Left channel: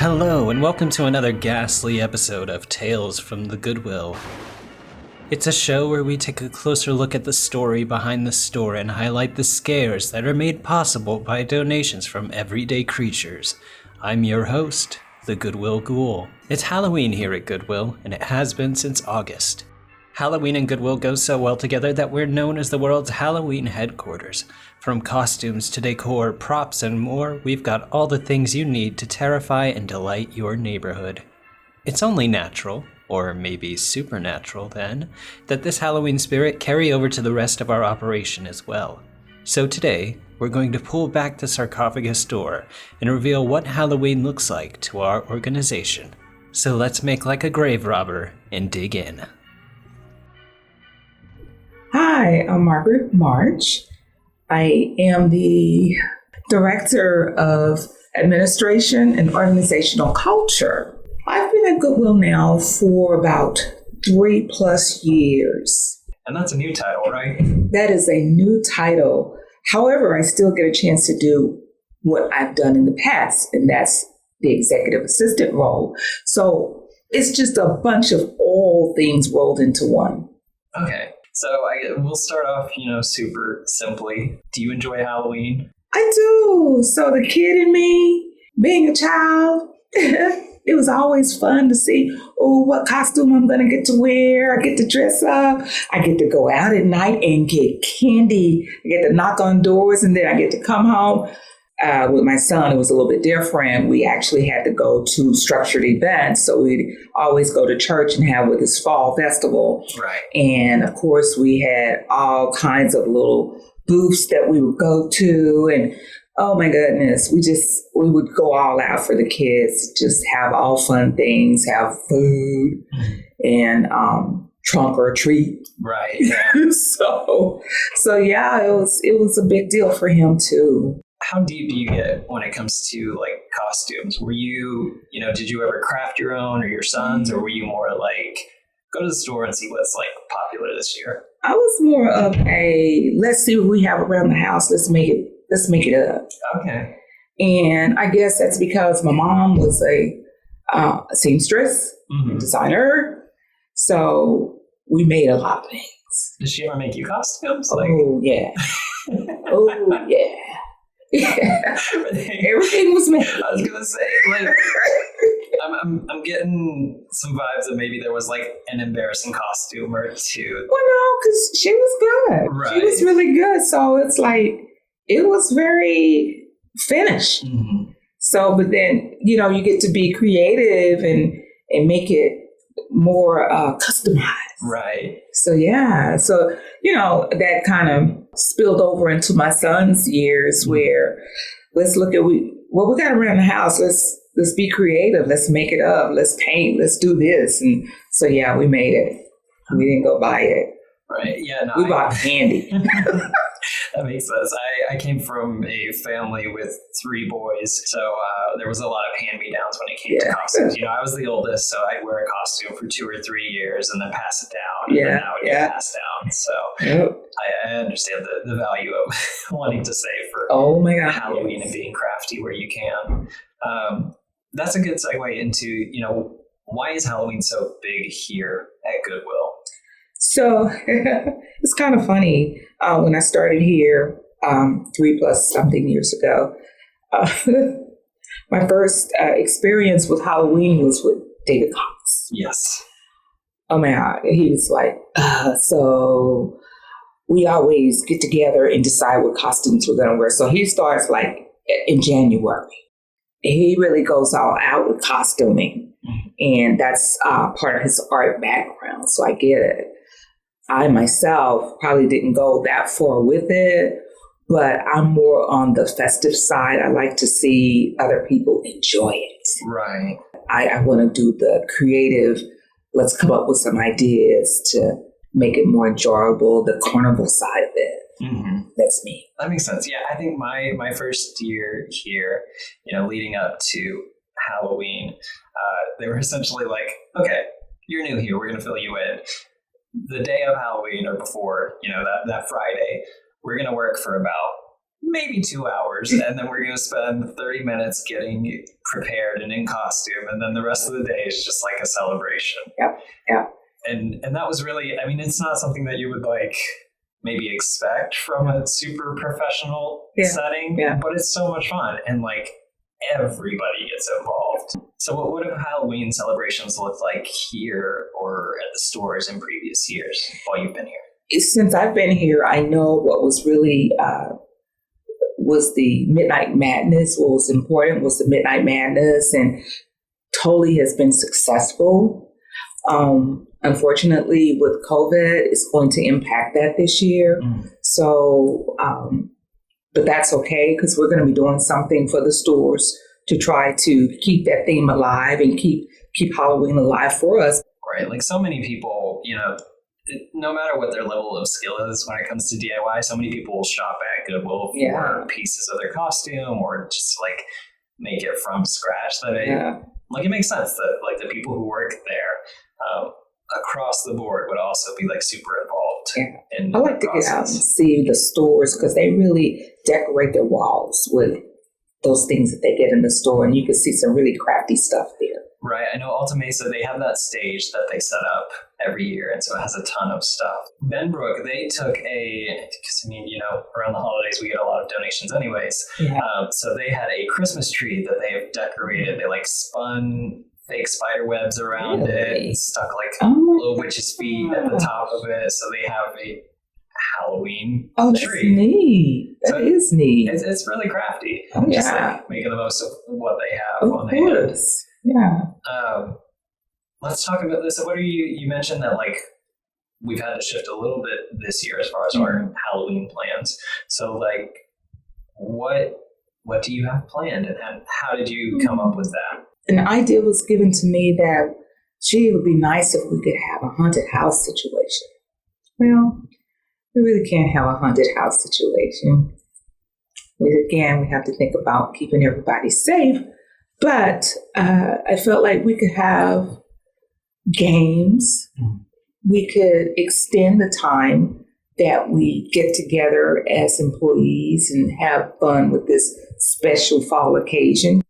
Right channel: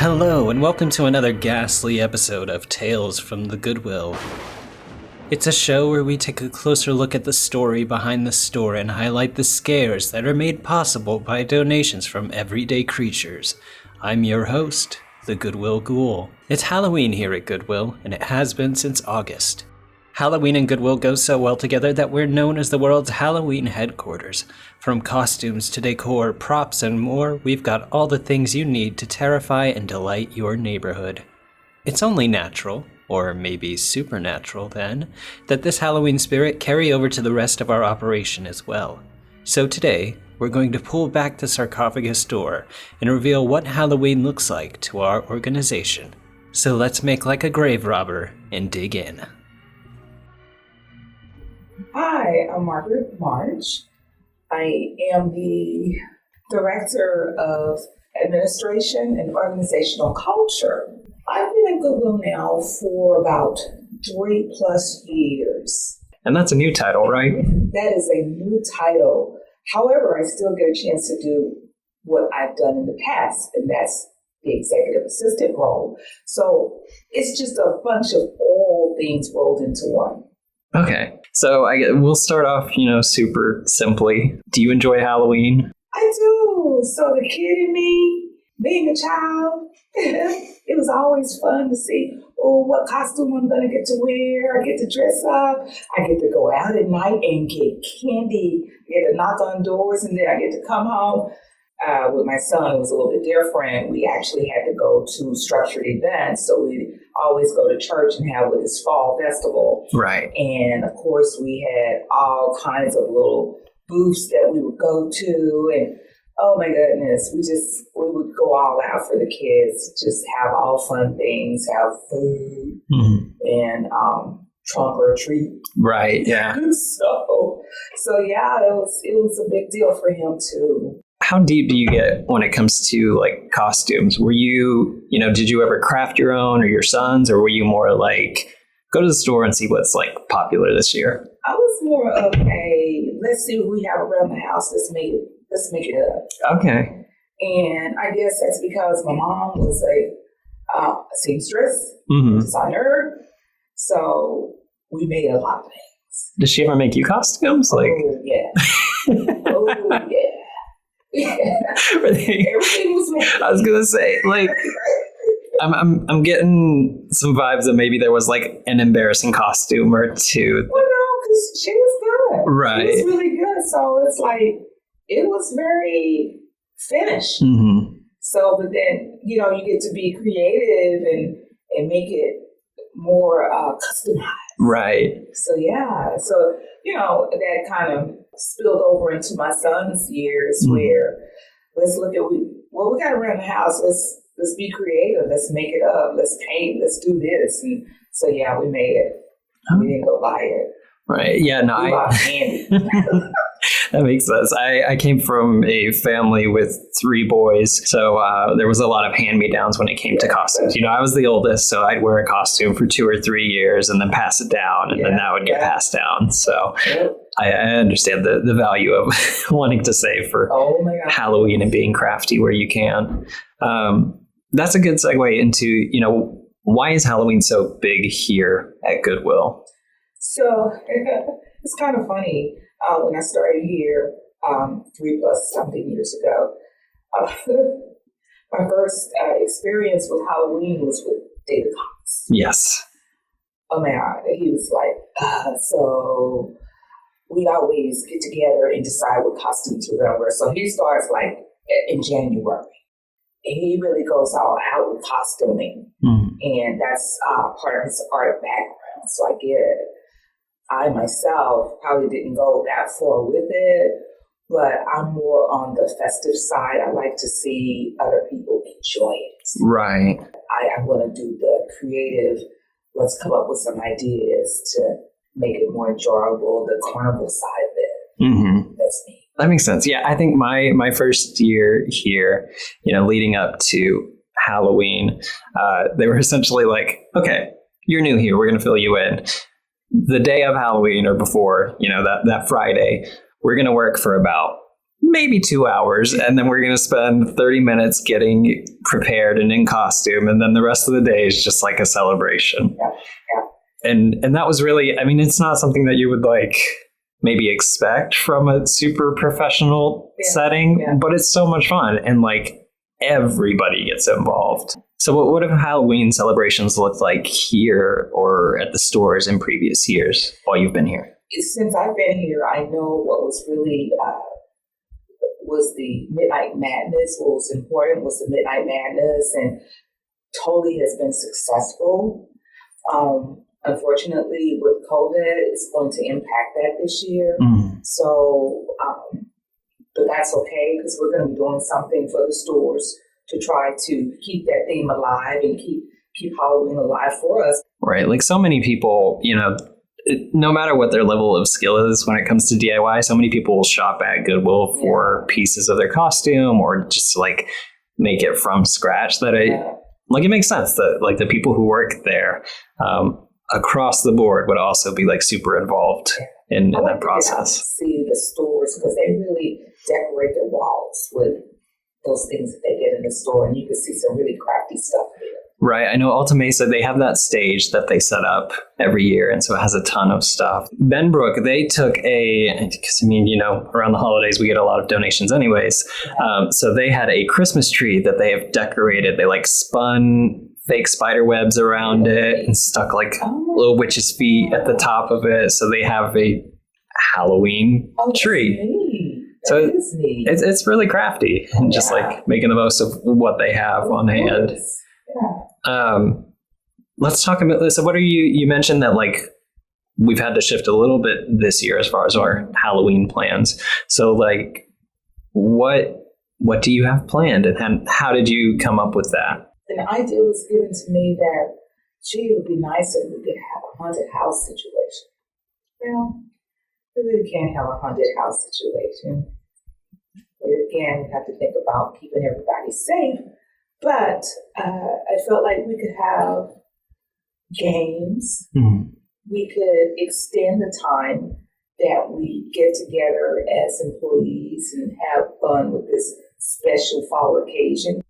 Hello, and welcome to another ghastly episode of Tales from the Goodwill. It's a show where we take a closer look at the story behind the store and highlight the scares that are made possible by donations from everyday creatures. I'm your host, the Goodwill Ghoul. It's Halloween here at Goodwill, and it has been since August. Halloween and Goodwill go so well together that we're known as the world's Halloween headquarters. From costumes to decor, props, and more, we've got all the things you need to terrify and delight your neighborhood. It's only natural, or maybe supernatural then, that this Halloween spirit carry over to the rest of our operation as well. So today, we're going to pull back the sarcophagus door and reveal what Halloween looks like to our organization. So let's make like a grave robber and dig in. Hi, I'm Margaret March. I am the Director of Administration and Organizational Culture. I've been at Goodwill now for about 3+ years. And that's a new title, right? That is a new title. However, I still get a chance to do what I've done in the past, and that's the executive assistant role. So it's just a bunch of all things rolled into one. Okay. So we'll start off, super simply. Do you enjoy Halloween? I do. So the kid in me, being a child, it was always fun to see, what costume I'm going to get to wear. I get to dress up. I get to go out at night and get candy. I get to knock on doors, and then I get to come home. With my son, it was a little bit different. We actually had to go to structured events. So we'd always go to church and have with this fall festival. Right. And of course, we had all kinds of little booths that we would go to. And oh my goodness, we would go all out for the kids, just have all fun things, have food and trunk or treat. Right. Yeah. So yeah, it was a big deal for him too. How deep do you get when it comes to like costumes? Were you, did you ever craft your own or your son's, or were you more like go to the store and see what's like popular this year? I was more of a let's see what we have around the house. Let's make it up. Okay. And I guess that's because my mom was a seamstress, designer. So we made a lot of things. Did she ever make you costumes? Oh yeah. Oh yeah. Yeah. Everything was made. I was gonna say, like, I'm getting some vibes that maybe there was like an embarrassing costume or two. Well, no, because she was good. Right. She was really good. So it's like it was very finished. So, but then you get to be creative and make it more customized. Right. So yeah. So that kind of spilled over into my son's years where let's look at what we got around the house. Let's be creative. Let's make it up. Let's paint. Let's do this. And so yeah, we made it. We didn't go buy it. Right. Yeah. No. We bought candy. That makes sense. I came from a family with 3 boys, so there was a lot of hand-me-downs when it came to costumes. I was the oldest, so I'd wear a costume for 2 or 3 years and then pass it down, and then that would get passed down. So I understand the value of wanting to save for Halloween and being crafty where you can. That's a good segue into, why is Halloween so big here at Goodwill? So it's kind of funny. When I started here 3+ something years ago, my first experience with Halloween was with David Cox. Yes. Oh my God. He was like, so we always get together and decide what costumes we're going to wear. So he starts like in January. He really goes all out with costuming. And that's part of his art background. So I get it. I myself probably didn't go that far with it, but I'm more on the festive side. I like to see other people enjoy it. Right. I want to do the creative, let's come up with some ideas to make it more enjoyable, the carnival side of it. That's me. That makes sense. Yeah, I think my first year here, leading up to Halloween, they were essentially like, okay, you're new here. We're going to fill you in. The day of Halloween or before, that Friday, we're going to work for about maybe 2 hours, and then we're going to spend 30 minutes getting prepared and in costume, and then the rest of the day is just like a celebration. Yeah. And that was really, I mean, it's not something that you would like maybe expect from a super professional setting, but it's so much fun, and like everybody gets involved. So what have Halloween celebrations looked like here or at the stores in previous years while you've been here? Since I've been here, I know what was really was the Midnight Madness. What was important was the Midnight Madness, and totally has been successful. Unfortunately, with COVID, it's going to impact that this year. So, but that's okay, because we're going to be doing something for the stores to try to keep that theme alive and keep Halloween alive for us. Right. Like so many people, you know, no matter what their level of skill is when it comes to DIY, so many people will shop at Goodwill for pieces of their costume or just like make it from scratch. That it makes sense that like the people who work there across the board would also be like super involved in that process. See the stores, because they really decorate their walls with those things that they get in the store, and you can see some really crafty stuff there. Right. I know Alta Mesa, they have that stage that they set up every year, and so it has a ton of stuff. Benbrook, they took because I mean, you know, around the holidays we get a lot of donations anyways. So they had a Christmas tree that they have decorated. They like spun fake spider webs around it and stuck like little witch's feet at the top of it. So they have a Halloween tree. Neat. That is neat. It's really crafty and just like making the most of what they have on hand. Yeah. Let's talk about this. So what are you mentioned that like we've had to shift a little bit this year as far as our Halloween plans. So like what do you have planned, and how did you come up with that? An idea was given to me that, it would be nice if we could have a haunted house situation. Well, we really can't have a haunted house situation. Again, we have to think about keeping everybody safe. But I felt like we could have games. We could extend the time that we get together as employees and have fun with this special fall occasion.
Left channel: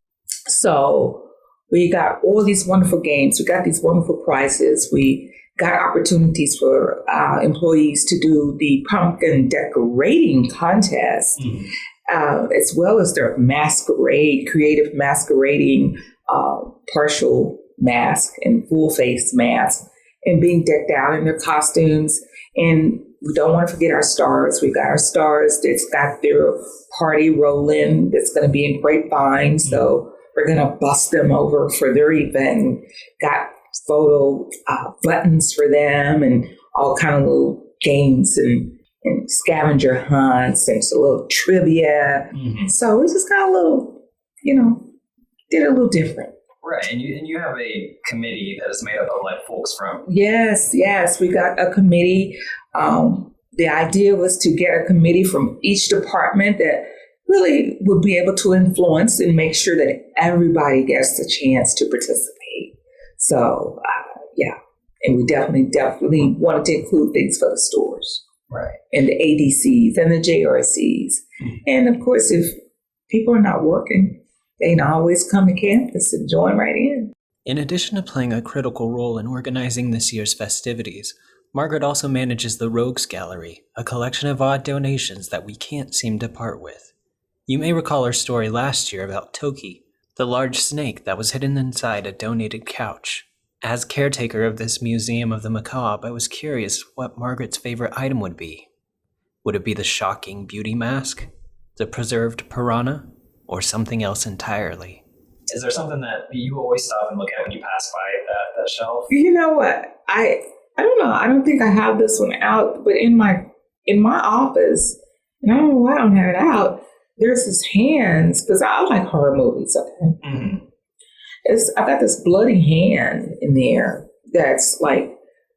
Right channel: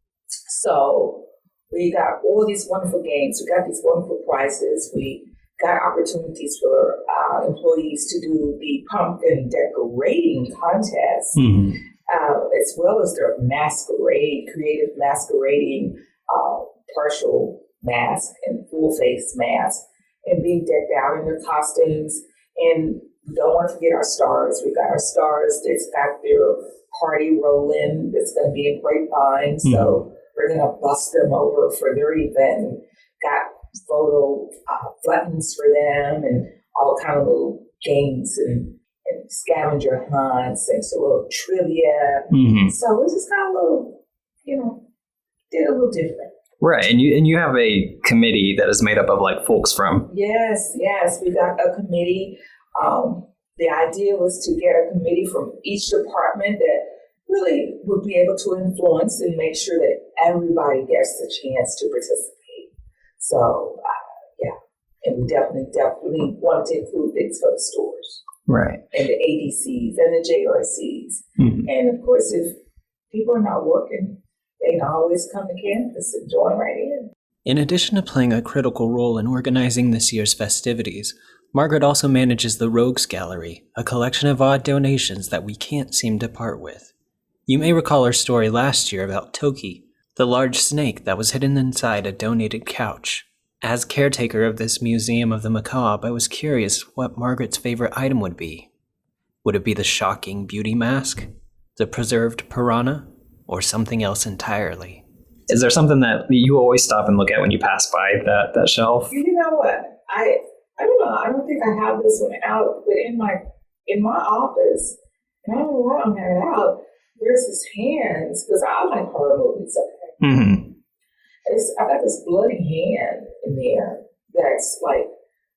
So we got all these wonderful games. We got these wonderful prizes. We got opportunities for employees to do the pumpkin decorating contest, as well as their masquerade, creative masquerading, partial mask and full face mask, and being decked out in their costumes. And we don't want to forget our stars. We've got our stars that's got their party rolling that's going to be in Grapevine. So we're going to bust them over for their event. Got photo buttons for them and all kind of little games and scavenger hunts and a little trivia. So we just got a little, did it a little different. Right. And you have a committee that is made up of like folks from. Yes. We got a committee. The idea was to get a committee from each department that really would be able to influence and make sure that everybody gets the chance to participate. So, and we definitely wanted to include things for the stores. Right. And the ADCs and the JRCs. And of course, if people are not working, they can always come to campus and join right in. In addition to playing a critical role in organizing this year's festivities, Margaret also manages the Rogues Gallery, a collection of odd donations that we can't seem to part with. You may recall our story last year about Toki, the large snake that was hidden inside a donated couch. As caretaker of this Museum of the Macabre, I was curious what Margaret's favorite item would be. Would it be the shocking beauty mask, the preserved piranha, or something else entirely? Is there something that you always stop and look at when you pass by that shelf? You know what? I don't know. I don't think I have this one out, but in my office, and I don't know why I don't have it out, there's this hands, because I like horror movies, okay? I got this bloody hand in there that's like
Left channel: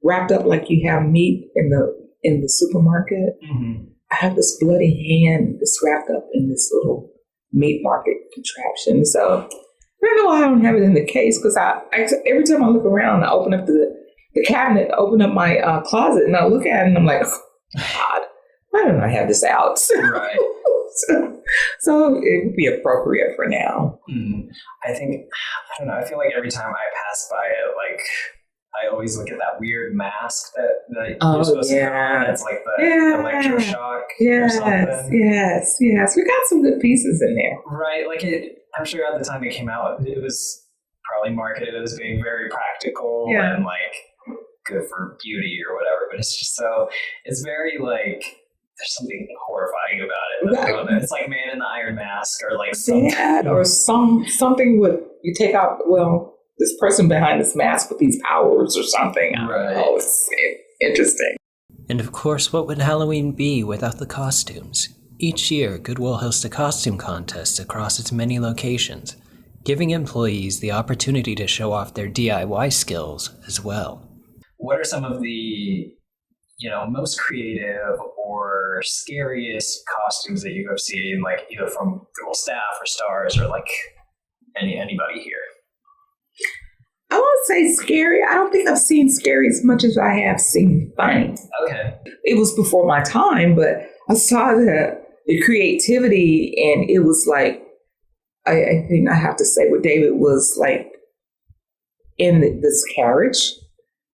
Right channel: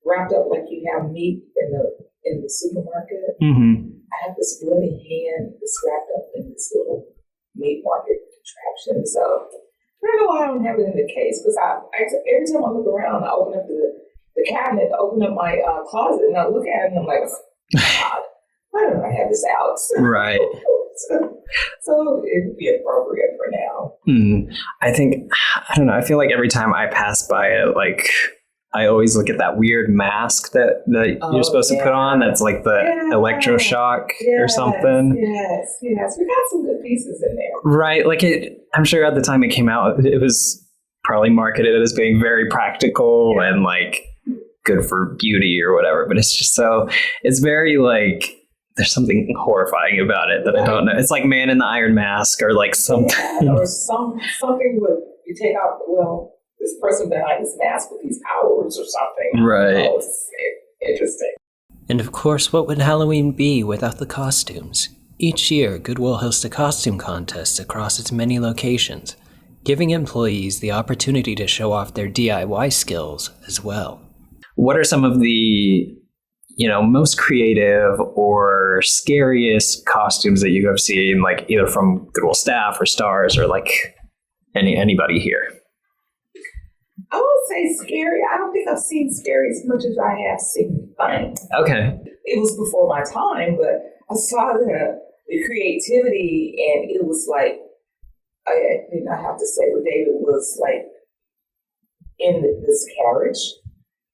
wrapped up like you have meat in the supermarket. I have this bloody hand that's wrapped up in this little meat market contraption. So I don't know why I don't have it in the case, because I every time I look around, I open up the cabinet, open up my closet, and I look at it and I'm like, oh, God, why don't I have this out? Right. So it would be appropriate for now. I don't know. I feel like every time I pass by it, like I always look at that weird mask that you're supposed to put on. That's like the electroshock or something. Yes. We got some good pieces in there. Right. Like I'm sure at the time it came out, it was probably marketed as being very practical and like good for beauty or whatever. But it's just it's very like, there's something horrifying about it that I don't know. It's like Man in the Iron Mask or like something. Yeah, or something with, you take out, this person behind this mask with these powers or something. Right. Oh, it's interesting. And of course, what would Halloween be without the costumes? Each year, Goodwill hosts a costume contest across its many locations, giving employees the opportunity to show off their DIY skills as well. What are some of the, most creative or scariest costumes that you have seen, like either from Goodwill staff or stars or like anybody here? I won't say scary. I don't think I've seen scary as much as I have seen funny. Okay. It was before my time, but I saw the creativity, and it was like, I think I have to say what David was like in this carriage,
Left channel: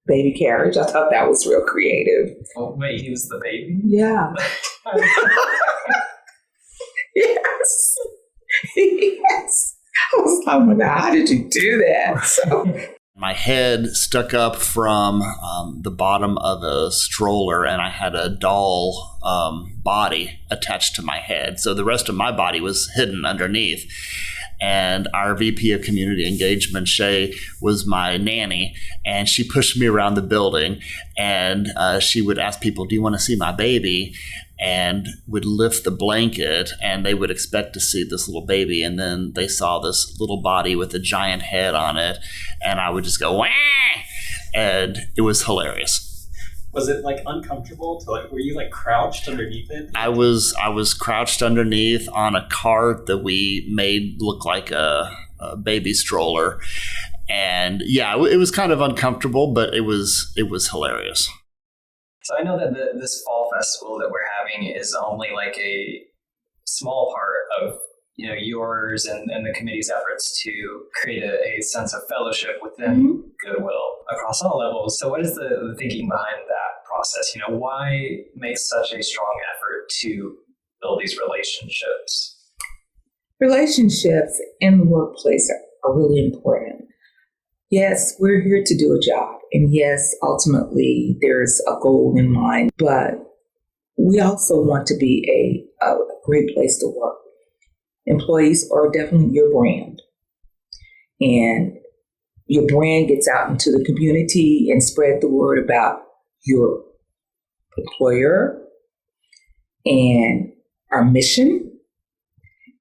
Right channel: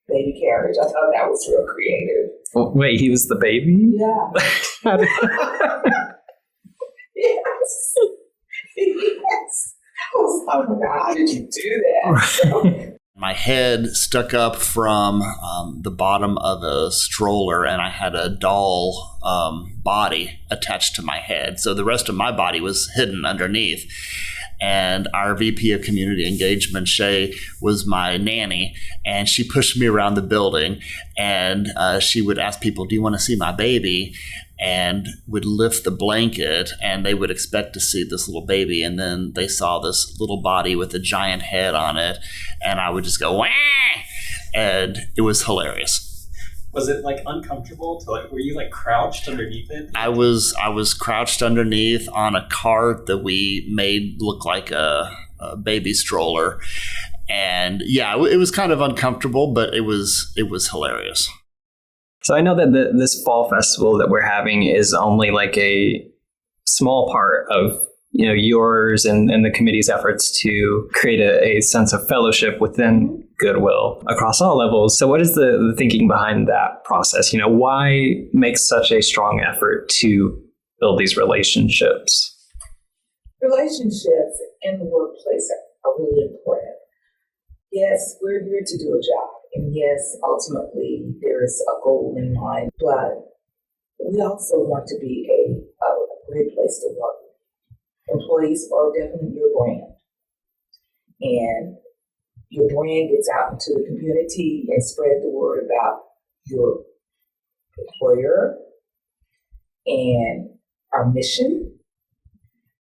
baby carriage. I thought that was real creative. Oh, wait, he was the baby? Yeah. Yes. Yes. I was like, oh my God, how did you do that? So, my head stuck up from the bottom of a stroller, and I had a doll body attached to my head. So the rest of my body was hidden underneath. And our VP of Community Engagement, Shay, was my nanny, and she pushed me around the building, and she would ask people, do you want to see my baby? And would lift the blanket, and they would expect to see this little baby, and then they saw this little body with a giant head on it, and I would just go, wah! And it was hilarious. Was it like uncomfortable to were you like crouched underneath it? I was crouched underneath on a cart that we made look like a baby stroller, and it was kind of uncomfortable, but it was hilarious. So I know that this fall festival that we're having is only like a small part of yours and the committee's efforts to create a sense of fellowship within Goodwill across all levels. So what is the thinking behind that process? Why make such a strong effort to build these relationships? Relationships in the workplace are really important. Yes, we're here to do a job. And yes, ultimately, there's a goal in mind. But we also want to be a great place to work. Employees are definitely your brand. And your brand gets out into the community and spread the word about your employer and our mission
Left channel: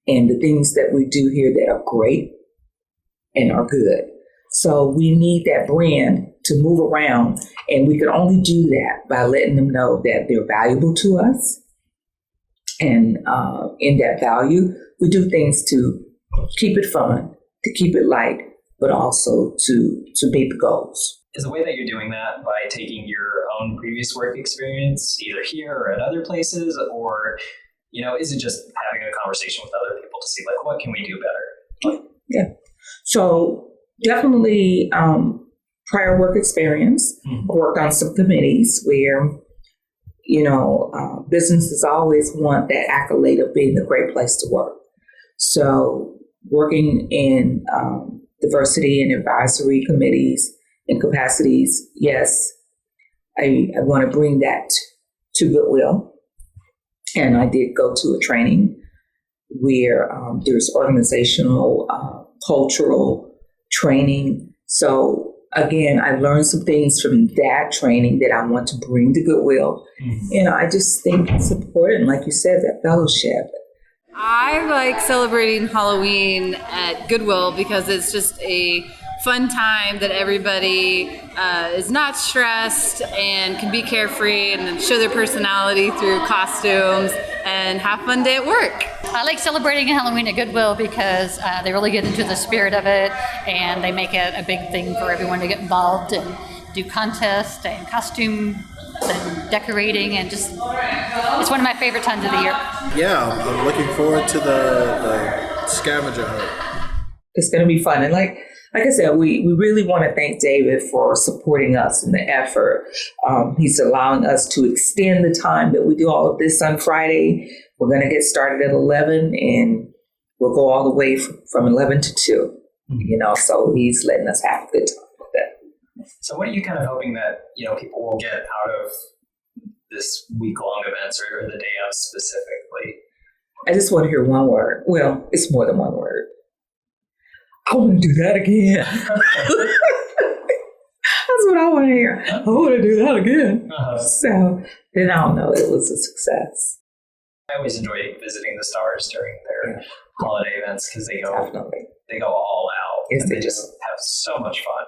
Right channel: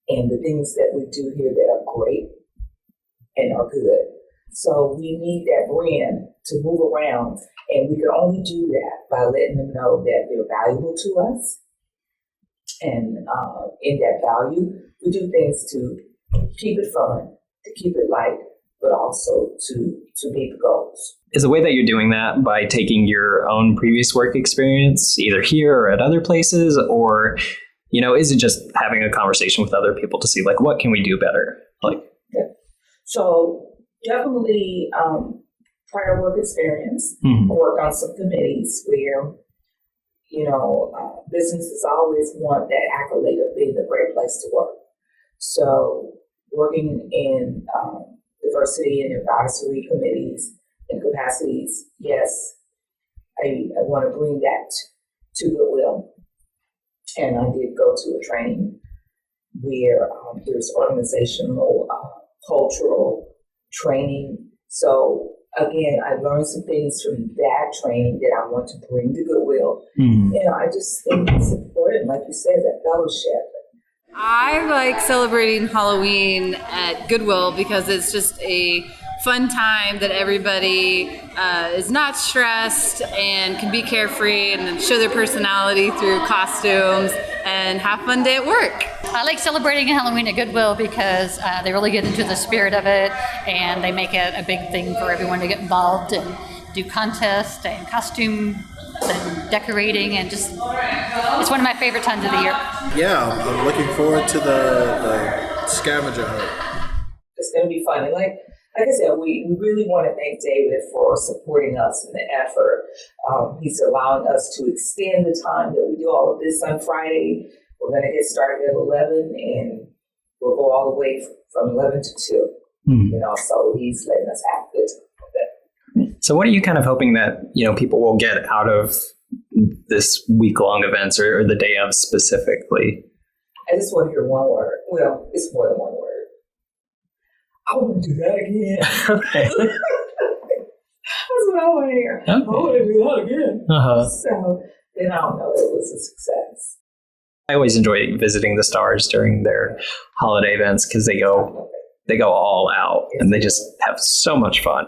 and the things that we do here that are great and are good. So we need that brand to move around, and we can only do that by letting them know that they're valuable to us. And in that value, we do things to keep it fun, to keep it light, but also to meet the goals. Is the way that you're doing that by taking your own previous work experience, either here or at other places, or, is it just having a conversation with other people to see what can we do better? Yeah. So definitely prior work experience. Worked on some committees where, businesses always want that accolade of being a great place to work. So working in diversity and advisory committees and capacities, yes, I want to bring that to Goodwill. And I did go to a training where there's organizational, cultural training. So again, I learned some things from that training that I want to bring to Goodwill. I just think it's important, like you said, that fellowship. I like celebrating Halloween at Goodwill because it's just a fun time that everybody is not stressed and can be carefree and show their personality through costumes and have a fun day at work. I like celebrating Halloween at Goodwill because they really get into the spirit of it, and they make it a big thing for everyone to get involved and do contests and costume and decorating, and just it's one of my favorite times of the year. Yeah, I'm looking forward to the scavenger hunt. It's going to be fun. And like I said, we really want to thank David for supporting us in the effort. He's allowing us to extend the time that we do all of this on Friday. We're going to get started at 11 and we'll go all the way from 11 to 2. So he's letting us have a good time with that. So what are you kind of hoping that, people will get out of this week-long events or the day of specifically? I just want to hear one word. Well, it's more than one word. I want to do that again. That's what I want to hear. Okay. I want to do that again. So then I'll know it was a success. I always enjoy visiting the stars during their holiday events because they go all out and they just have so much fun.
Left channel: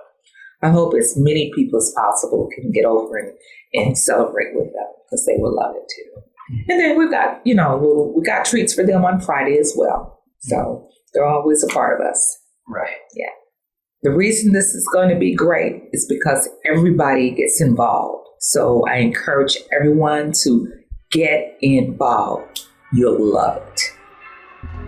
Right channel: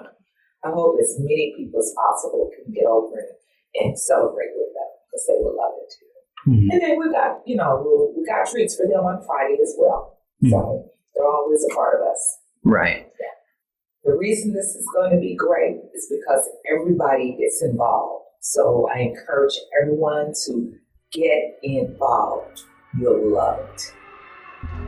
I hope as many people as possible can get over and celebrate with them because they will love it too. Mm-hmm. And then we got treats for them on Friday as well. Mm-hmm. So they're always a part of us. Right. Yeah. The reason this is going to be great is because everybody gets involved. So I encourage everyone to get involved. You'll love it.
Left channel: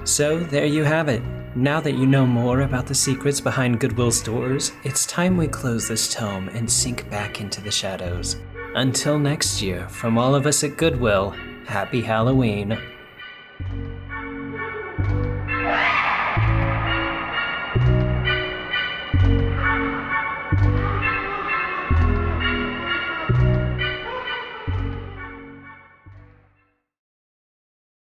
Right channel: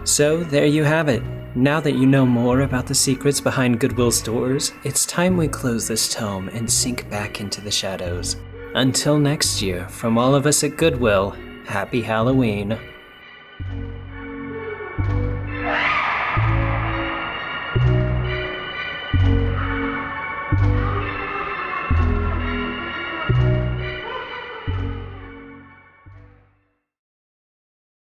So there you have it. Now that you know more about the secrets behind Goodwill stores, it's time we close this tome and sink back into the shadows. Until next year, from all of us at Goodwill, happy Halloween.